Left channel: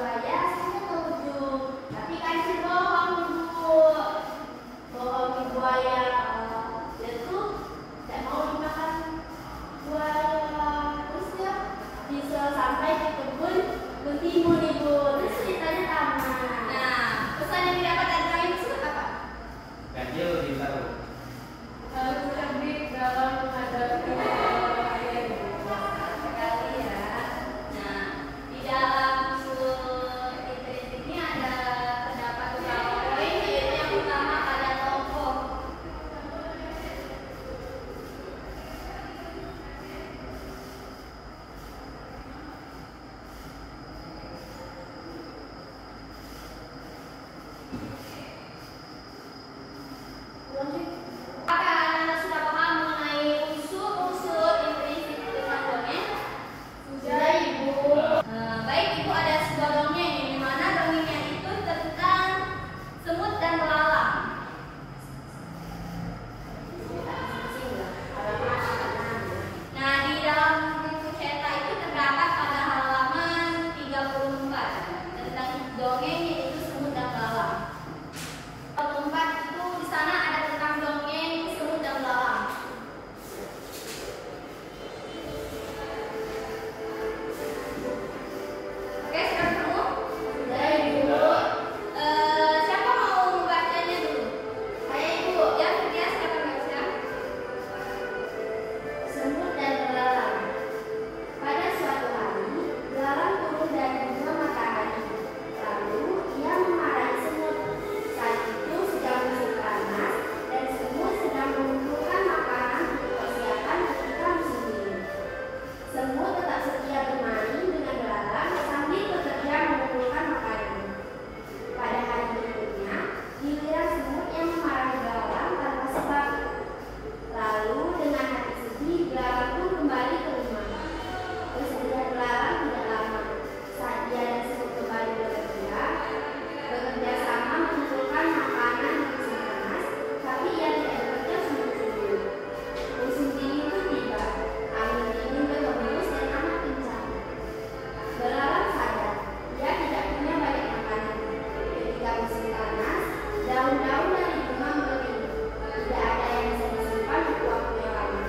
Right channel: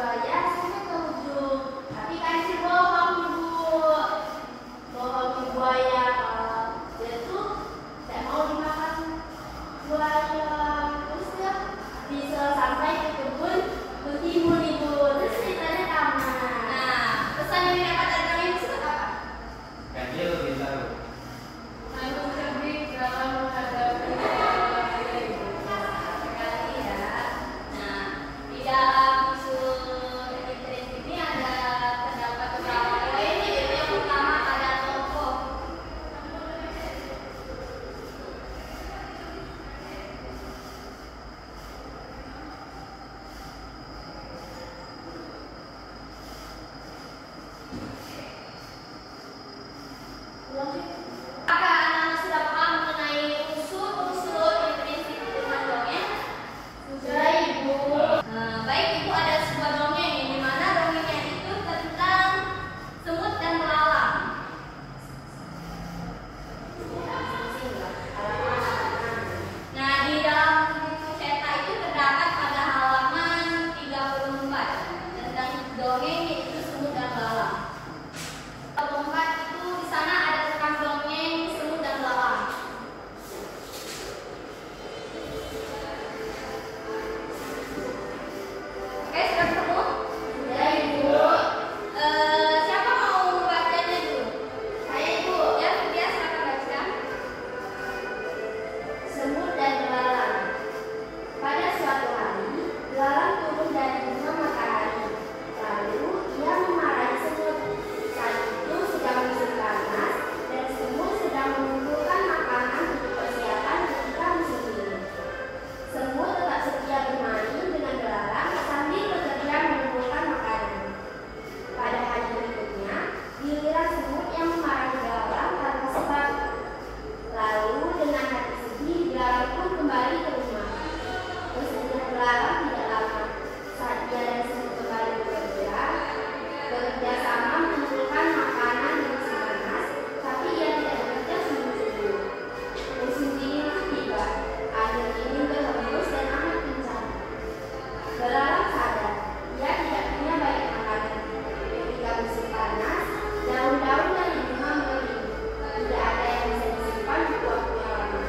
buaya sampai ke ujung. Tapi kan si bohong ibu, bohong buaya kalau dia tuh tidak mau dimakan buaya. Terus dia bisa sampai ke kebun bertimun ibu. Terus ceritanya tamat. Nah, pesan yang didapatkan dari itu apa? Ganjil lebih tahu. Harus cerdik dalam menghadapi sekali ya. Nah, di dalam usul kritik ini ada terdapat beberapa poin, yaitu yang pertama ada tokoh. Apakah anak-anak sudah paham mengenai unsur-unsur dan prinsip tentang dongeng? Sudah ibu. Baik ibu, ada sebuah dongeng yang dimana dongengnya itu tentang semut dan belalang. Nah, di dalam cetak itu terdapat pada halaman 34 tentang dongeng yaitu semut dan belalang. 34 itu di sana ada tentang dongeng semut dan belalang. Oke, sudah ketemu? Sudah ibu. Siapa mau membacanya dulu? Saya ibu. Yang ketiga silakan baca. Semut dan belalang. Pada suatu hari, belalang turun dari bunga matahari. Lalu ia memarahi semut. Saat itu sedang musim panas dan semut sedang mengumpulkan makanan untuk persiapan ketika musim dingin. Semut tetap setia bermain dengan belalang sambil bekerja mengumpulkan makanan. Pada hari berikutnya, giliran semut yang memarahi belalang tanpa sebab. Lalu dengan hati sedih, belalang pun kembali ke rumah. Kesedihan belalang tidak lama. Saat dia dan semut kembali bekerja sama mengumpulkan makanan di musim panas, tapi ia tidak bekerja sungguh-sungguh. Musim dingin pun tiba. Angin dingin berhembus dan amat kencang. Belalang sadar, ia tidak punya banyak makanan. Ketika musim panas, daun-daun dari bunga mengering. Tidak ada yang bisa disimpan untuk waktu yang lama.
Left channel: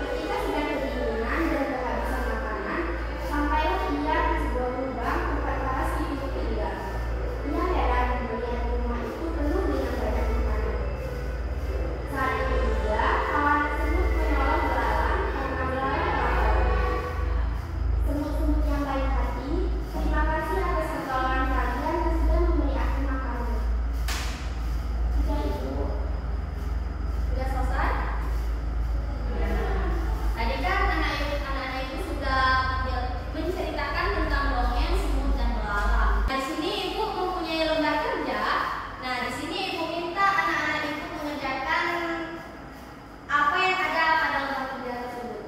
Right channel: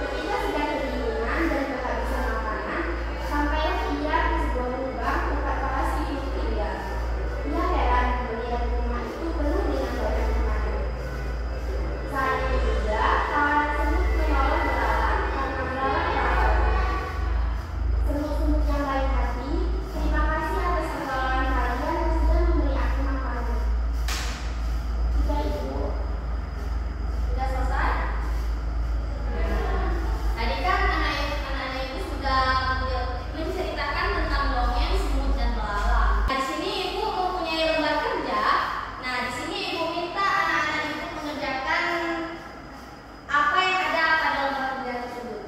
Ketika sedang kedinginan dan kehabisan makanan, sampailah ia di sebuah lubang tempat para siput tinggal. Ia heran melihat rumah itu penuh dengan banyak makanan. Saat itu juga kawanan semut menolong belalang karena belalang lapar. Semut-semut yang baik hati, terima kasih atas pertolongan kalian yang sudah memberi aku makanan. Sudah ibu. Sudah selesai? Tadi kan anak-anak ibu sudah menceritakan tentang dongeng semut dan belalang. Di sini ibu mempunyai lembar kerja. Nah, di sini ibu minta anak-anak ibu mengerjakan apa yang ada pada lembar kerja tersebut.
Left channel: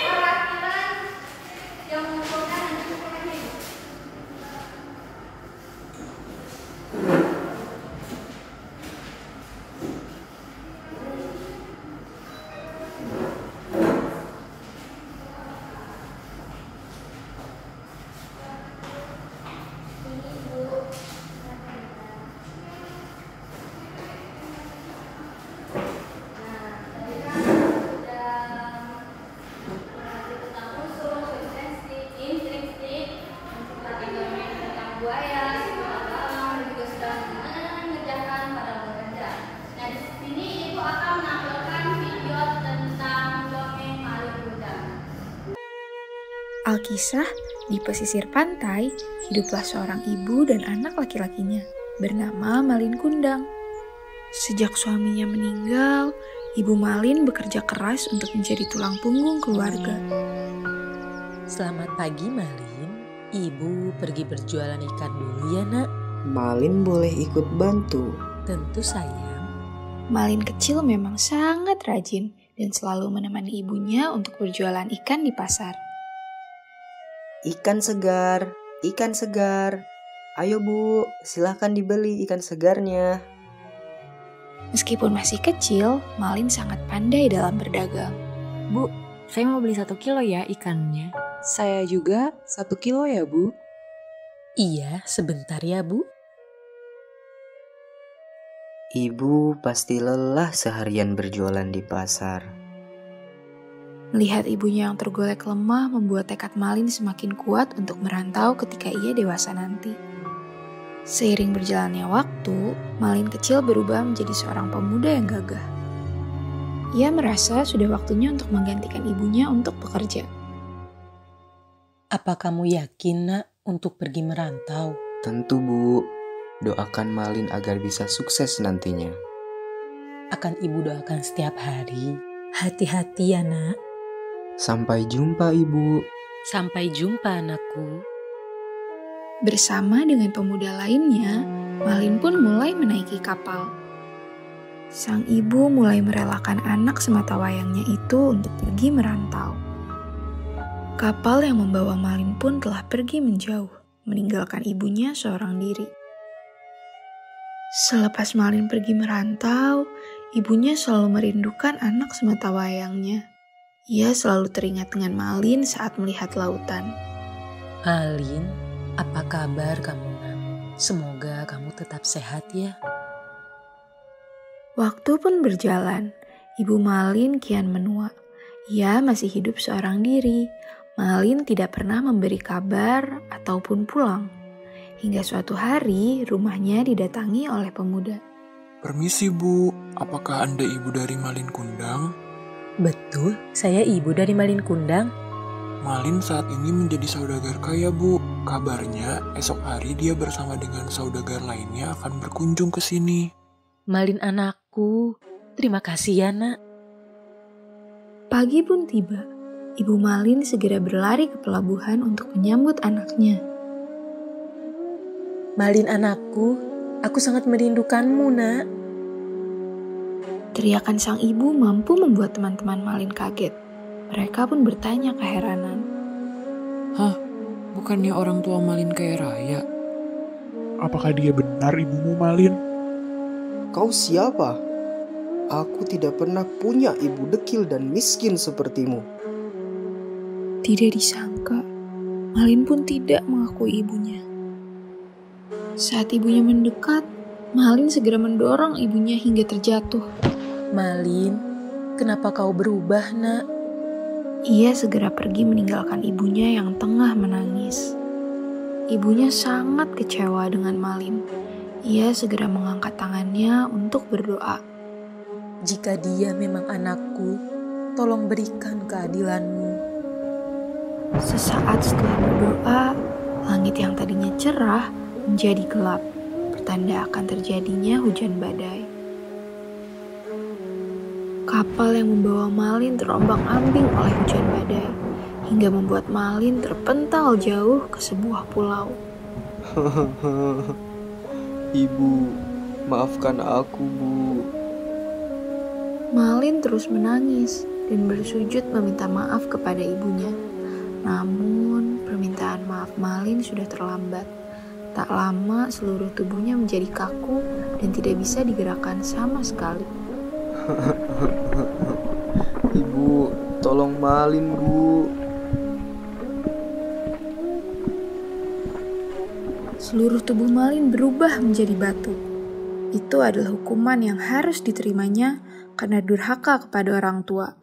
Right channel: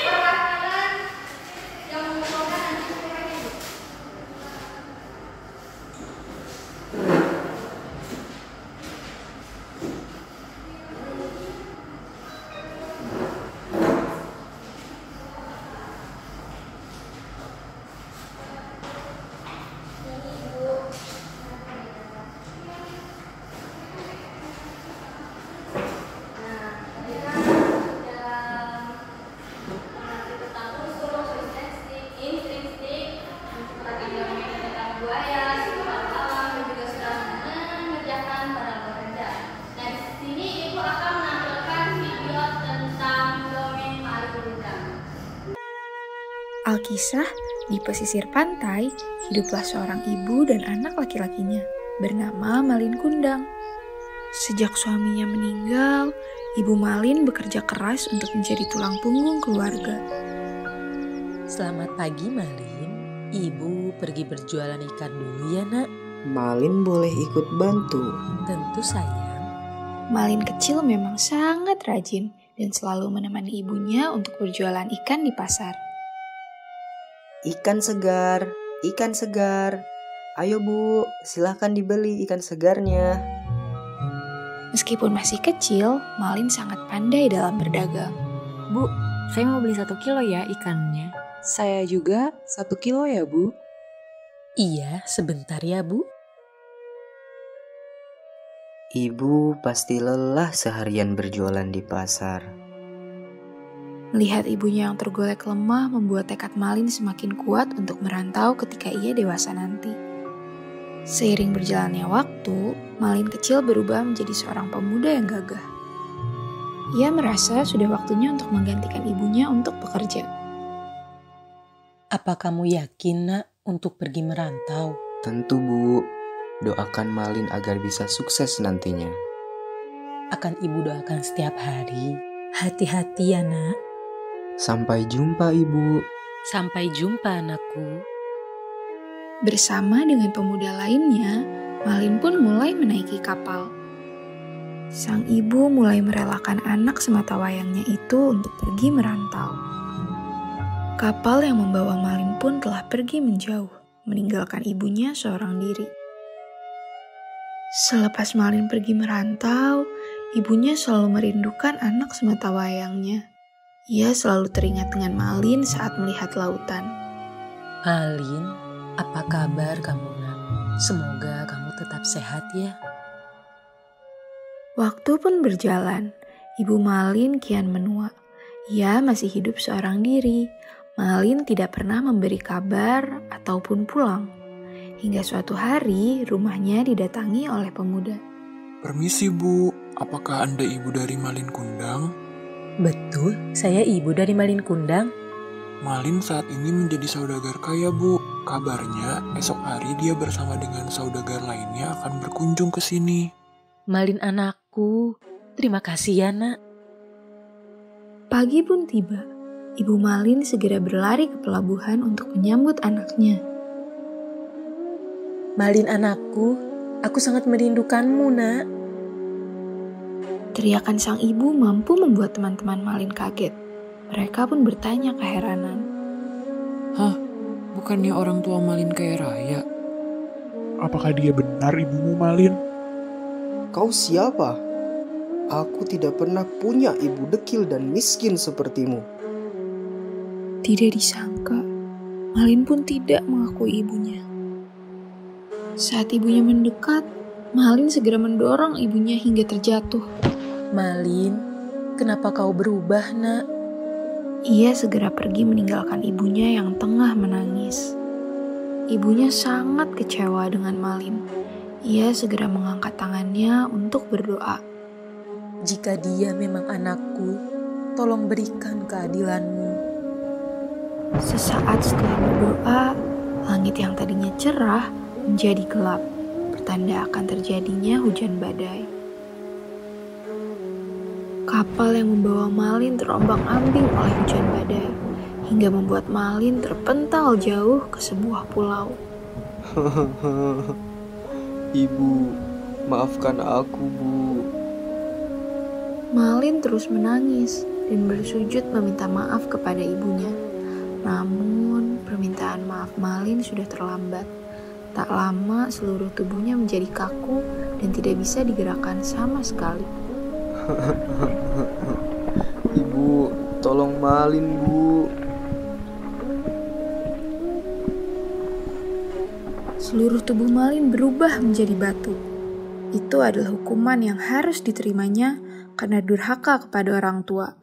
Perwakilan yang mengumpulkan nanti semuanya ibu. Alkisah, di pesisir pantai, hiduplah seorang ibu dan anak laki-lakinya, bernama Malin Kundang. Sejak suaminya meninggal, Ibu Malin bekerja keras untuk menjadi tulang punggung keluarga. Selamat pagi, Malin. Ibu pergi berjualan ikan dulu ya nak. Malin boleh ikut bantu. Tentu sayang. Malin kecil memang sangat rajin dan selalu menemani ibunya untuk berjualan ikan di pasar. Ikan segar, ikan segar. Ayo Bu, silahkan dibeli ikan segarnya. Meskipun masih kecil, Malin sangat pandai dalam berdagang. Bu, saya mau beli 1 kilo ya ikannya. Saya juga 1 kilo ya Bu. Iya, sebentar ya Bu. Ibu pasti lelah seharian berjualan di pasar. Melihat ibunya yang tergolek lemah membuat tekad Malin semakin kuat untuk merantau ketika ia dewasa nanti. Seiring berjalannya waktu, Malin kecil berubah menjadi seorang pemuda yang gagah. Ia merasa sudah waktunya untuk menggantikan ibunya untuk bekerja. Apa kamu yakin nak untuk pergi merantau? Tentu Bu, doakan Malin agar bisa sukses nantinya. Akan ibu doakan setiap hari. Hati-hati ya nak. Sampai jumpa Ibu. Sampai jumpa anakku. Bersama dengan pemuda lainnya, Malin pun mulai menaiki kapal. Sang ibu mulai merelakan anak sematawayangnya itu untuk pergi merantau. Kapal yang membawa Malin pun telah pergi menjauh, meninggalkan ibunya seorang diri. Selepas Malin pergi merantau, ibunya selalu merindukan anak sematawayangnya. Ia selalu teringat dengan Malin saat melihat lautan. Malin, apa kabar kamu nak? Semoga kamu tetap sehat ya. Waktu pun berjalan, ibu Malin kian menua. Ia masih hidup seorang diri. Malin tidak pernah memberi kabar ataupun pulang. Hingga suatu hari rumahnya didatangi oleh pemuda. Permisi Bu, apakah Anda ibu dari Malin Kundang? Betul, saya ibu dari Malin Kundang. Malin saat ini menjadi saudagar kaya Bu. Kabarnya esok hari dia bersama dengan saudagar lainnya akan berkunjung ke sini. Malin anakku, terima kasih ya nak. Pagi pun tiba. Ibu Malin segera berlari ke pelabuhan untuk menyambut anaknya. Malin anakku, aku sangat merindukanmu nak. Teriakan sang ibu mampu membuat teman-teman Malin kaget. Mereka pun bertanya keheranan. Hah, bukannya orang tua Malin kaya raya? Apakah dia benar ibumu Malin? Kau siapa? Aku tidak pernah punya ibu dekil dan miskin sepertimu. Tidak disangka, Malin pun tidak mengakui ibunya. Saat ibunya mendekat, Malin segera mendorong ibunya hingga terjatuh. Malin, kenapa kau berubah nak? Ia segera pergi meninggalkan ibunya yang tengah menangis. Ibunya sangat kecewa dengan Malin. Ia segera mengangkat tangannya untuk berdoa. Jika dia memang anakku, tolong berikan keadilanmu. Sesaat setelah berdoa, langit yang tadinya cerah menjadi gelap, pertanda akan terjadinya hujan badai. Kapal yang membawa Malin terombang-ambing oleh hujan badai, hingga membuat Malin terpental jauh ke sebuah pulau. Ibu, maafkan aku Bu. Malin terus menangis dan bersujud meminta maaf kepada ibunya. Namun, permintaan maaf Malin sudah terlambat. Tak lama, seluruh tubuhnya menjadi kaku dan tidak bisa digerakkan sama sekali. Ibu, tolong Malin Bu. Seluruh tubuh Malin berubah menjadi batu. Itu adalah hukuman yang harus diterimanya karena durhaka kepada orang tua.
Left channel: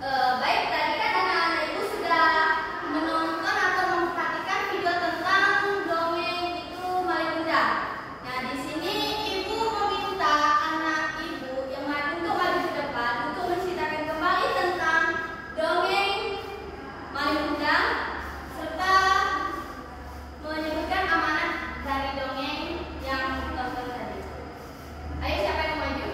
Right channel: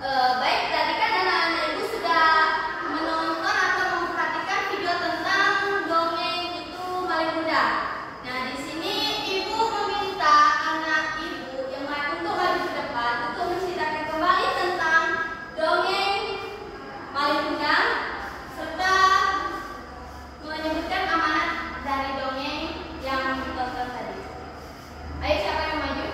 Baik, tadi kan anak-anak ibu sudah menonton atau memperhatikan video tentang dongeng itu Malin Kundang. Nah, di sini ibu meminta anak ibu yang lain untuk maju ke depan untuk menceritakan kembali tentang dongeng Malin Kundang serta menyebutkan amanat dari dongeng yang ditonton tadi. Ayo, siapa yang maju?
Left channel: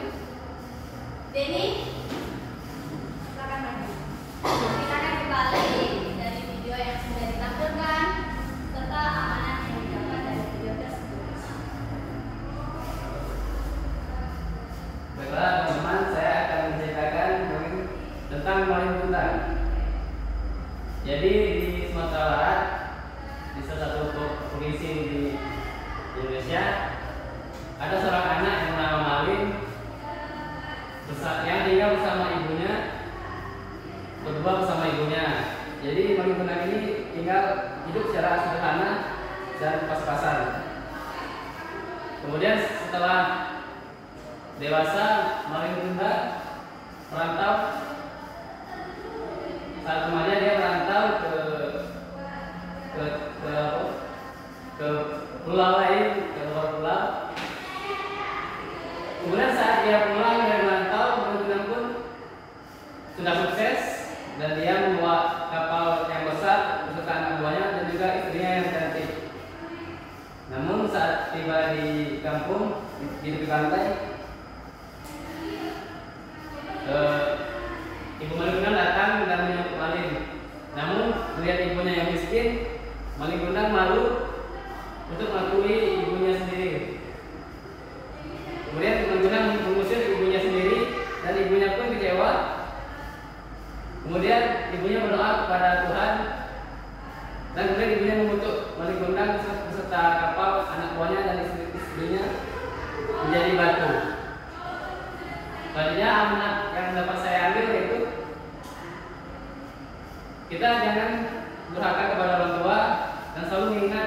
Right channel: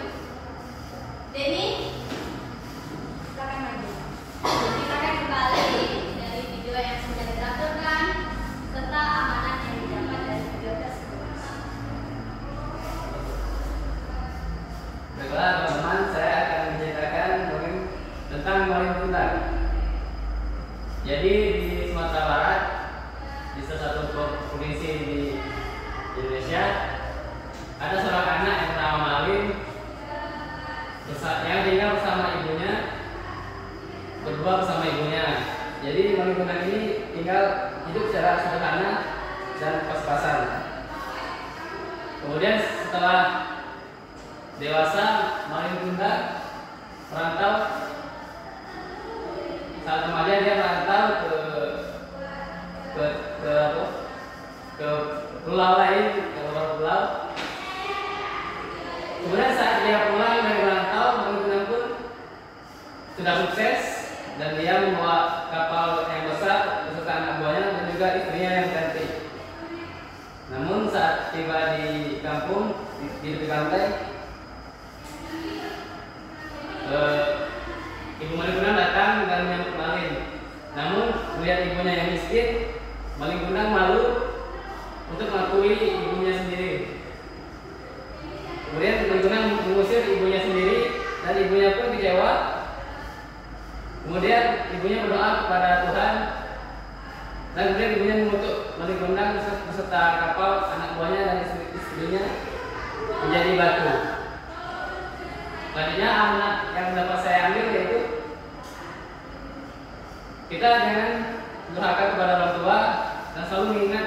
provinsi di Indonesia, ada seorang anak yang bernama Malin yang tinggal bersama ibunya, berdua bersama ibunya. Jadi Malin Kundang ini tinggal hidup secara sederhana dan pas-pasan. Kemudian setelah dewasa, Malin Kundang merantau. Saat remaja dia merantau ke pulau lain, ke luar pulau. Kemudian saat dia pulang dari merantau, Malin Kundang pun sudah sukses dan dia membawa kapal yang besar beserta anak buahnya dan juga istrinya yang cantik. Namun saat tiba di kampung di tepi pantai, ibu Malin Kundang datang dan menyambut Malin. Namun melihat ibunya yang miskin, Malin Kundang malu untuk mengakui ibunya sendiri. Kemudian Malin Kundang mengusir ibunya sendiri dan ibunya pun kecewa. Kemudian ibunya berdoa kepada Tuhan dan kemudian ibunya mengutuk Malin Kundang beserta kapal, anak buahnya dan istrinya menjadi batu. Selanjutnya amanat yang dapat saya ambil yaitu kita jangan durhaka kepada orang tua dan selalu mengingat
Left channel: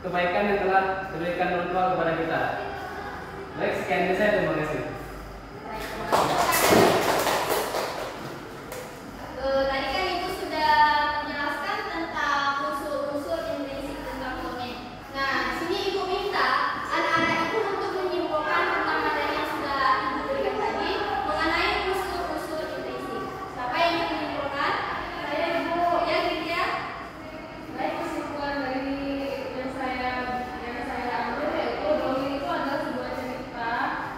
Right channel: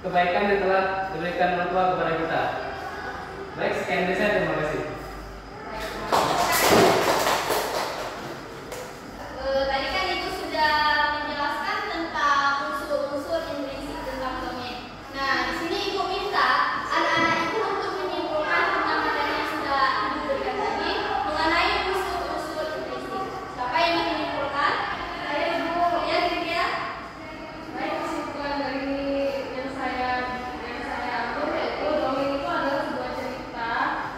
kebaikan yang telah diberikan orang tua kepada kita. Baik, sekian dari saya, terima kasih. Tadi kan Ibu sudah menjelaskan tentang unsur-unsur intrinsik tentang dongeng. Nah, di sini Ibu minta anak-anak Ibu untuk menyimpulkan tentang materi yang sudah Ibu berikan tadi mengenai unsur-unsur intrinsik. Siapa yang ingin menyimpulkan? Saya, Ibu. Ya, Lydia. Baik, kesimpulan dari yang saya ambil yaitu dongeng itu adalah sebuah cerita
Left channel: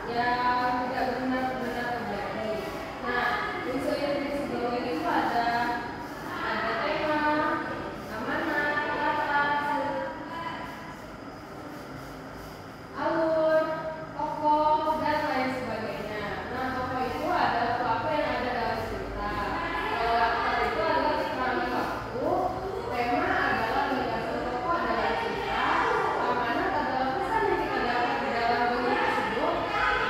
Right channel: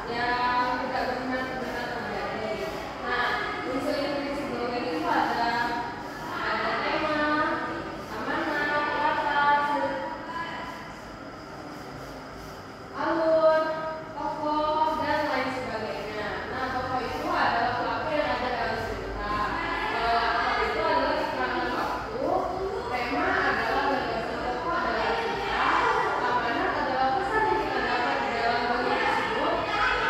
yang tidak benar-benar terjadi. Nah, unsur intrinsik dongeng itu ada tema, amanat, latar, alur, tokoh, dan lain sebagainya. Nah, tokoh itu adalah pelaku yang ada dalam cerita. Kalau latar itu adalah keterangan waktu, tema adalah gagasan tokoh dalam cerita, amanat adalah pesan yang kita dapat di dalam dongeng tersebut,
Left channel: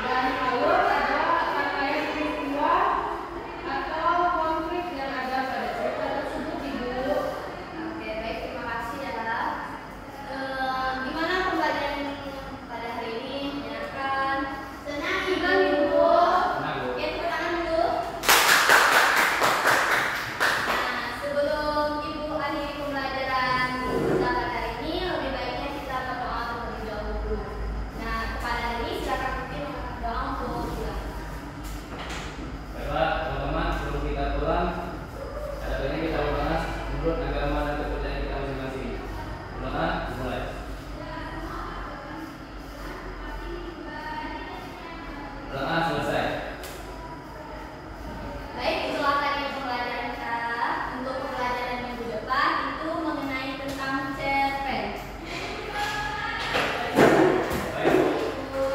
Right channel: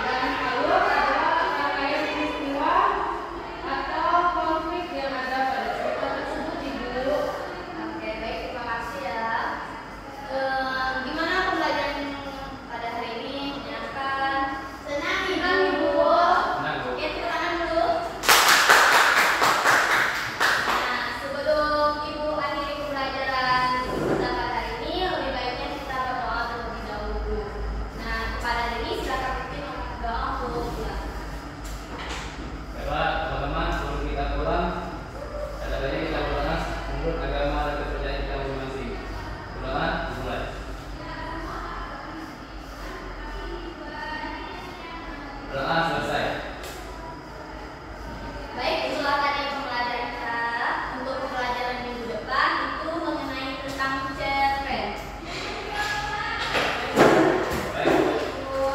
dan alur adalah rangkaian peristiwa atau konflik yang ada pada cerita tersebut, Ibu. Oke, baik, terima kasih ya. Gimana pembelajaran pada hari ini? Menyenangkan? Senang, Ibu? Senang, Bu. Oke, tepuk tangan dulu. Nah, sebelum Ibu akhiri pembelajaran pada hari ini, lebih baiknya kita berdoa terlebih dahulu. Nah, kepada ini silakan pimpin doa untuk pulang. Baiklah teman-teman, sebelum kita pulang, ada banyak kita berdoa menurut agama dan kepercayaan kita masing-masing. Berdoa dimulai. Doa selesai. Baik, itulah tadi pembelajaran kita. Untuk pembelajaran minggu depan itu mengenai tentang cerpen. Baik, Bu.